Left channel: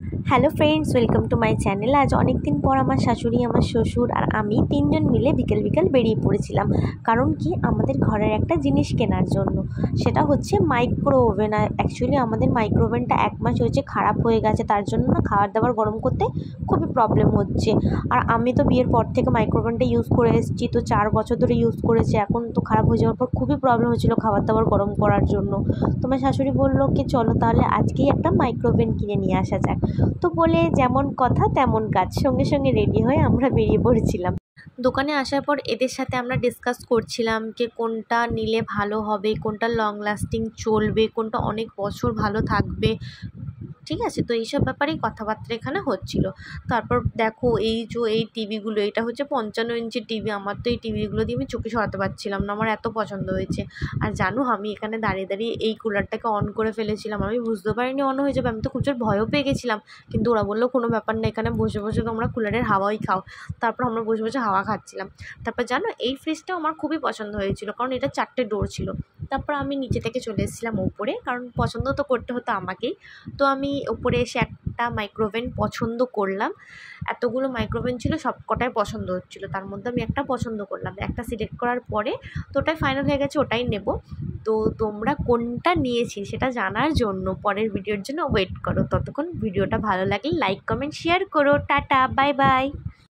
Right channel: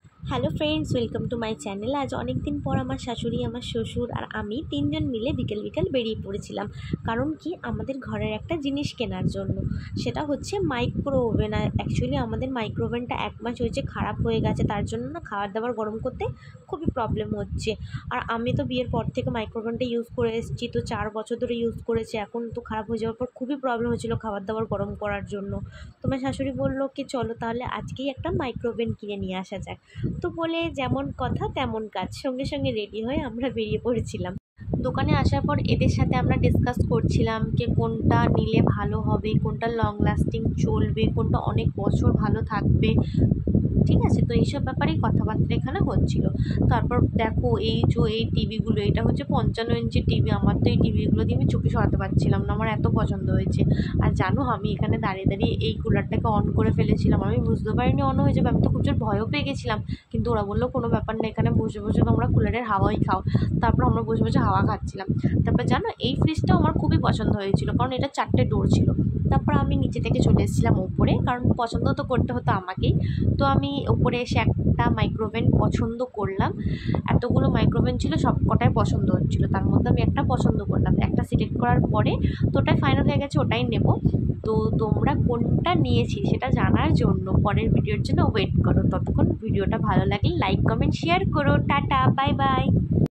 Hello friends, welcome to my channel. আজ অনেক দিন পর আমার শাশুড়ি, আমার শ্বশুর আর আমি তিনজন মিলে বিকেল বিকেল বেরিয়ে পড়েছিলাম। কারণ কি, আমাদের ঘরের একটা জিনিস কেনার জন্য। সেটা হচ্ছে মাইক্রো ওভেন। আর অ্যাকচুয়ালি আমাদের মাইক্রো ওভেনটা 1 মাস হয়েছে খারাপ হয়ে গেছে, তার জন্য না খাবার দাবার গরম করতে খুবই প্রবলেম হচ্ছে। আর আমি তো বিয়ের পর থেকে মাইক্রো ওভেনটা ইউজ করে এসেছি, তো 4 বছর ধরে ইউজ করেছি। এখন তো খারাপ হয়ে যাওয়ার পর খুবই প্রবলেম হচ্ছিলো খাবার দাবার গরম করার জন্য। তোমার শাশুড়ি বললো কি চলো তাহলে আজকেই একটা মাইক্রো ওভেন কিনে নিয়ে আসা যাক। তো বলে যেমন কথা তেমন কাজ, সঙ্গে সঙ্গে রেডি হয়ে আমরা বেরিয়ে পড়েছিলাম। দোকানে আসার পর এদের সাথে আমরা ডিসকাস করছিলাম যে কোনটা নিলে ভালো হবে, কোনটা লং লাস্টিং চলবে, কোনটা অনেক বছর ভালো থাকবে। ঠিক আছে, তো এইসব ব্যাপারেই কথাবার্তা এখানে হচ্ছিল। তারপর দেখো এই টিভিগুলো, এটা হচ্ছে 55 ইঞ্চি টিভি। আমার তো এই টিভিগুলো দিয়ে আমি চোখে সরাতে পারছিলাম না, আমার এত পছন্দ হয়েছে। আর জানো, আমি এখানে দাঁড়িয়ে দাঁড়িয়ে এই কুলারটাকে অন করে ফেলেছিলাম। আমি বুঝতে পারিনি অন হয়ে যাবে, আমি তো খুব জোর ভয়ও পেয়ে গেছিলাম। কিন্তু ওরা বললো কোনো ব্যাপার না, এখানে বসে বসে তোমরা কুলারের হাওয়াই খাও। তারপর আমরা বসে বসে হাওয়া খাচ্ছিলাম। তারপর জানো, এই ফ্রিজটাও আমার খুবই পছন্দ হয়েছিল, কারণ এটা 4টে ডোর ছিল। তারপর আমি নিচে থেকে চলে এসেছিলাম ওপরে, কারণ পছন্দ তো করতে হতো আমাকেই। তো আমি ওপরে এসে একটা মাইক্রোওভেন পছন্দ করলাম। এতগুলো মাইক্রোওভেন ছিল, সব কটাই পছন্দ হচ্ছিলো, তার মধ্যে আমি একটা পছন্দ করলাম। একটা সিলেক্ট করার পরে তো ওটাই ফাইনাল হয়ে গেছে, ওটাই নেব। তো তোমরা কোনটা নিয়েছি সেটা জানার জন্য পরের ভিডিওর জন্য ওয়েট করো। ততক্ষণ ভিডিওটা ভালো লাগলে লাইক কমেন্ট শেয়ার করো। Tata, bye bye.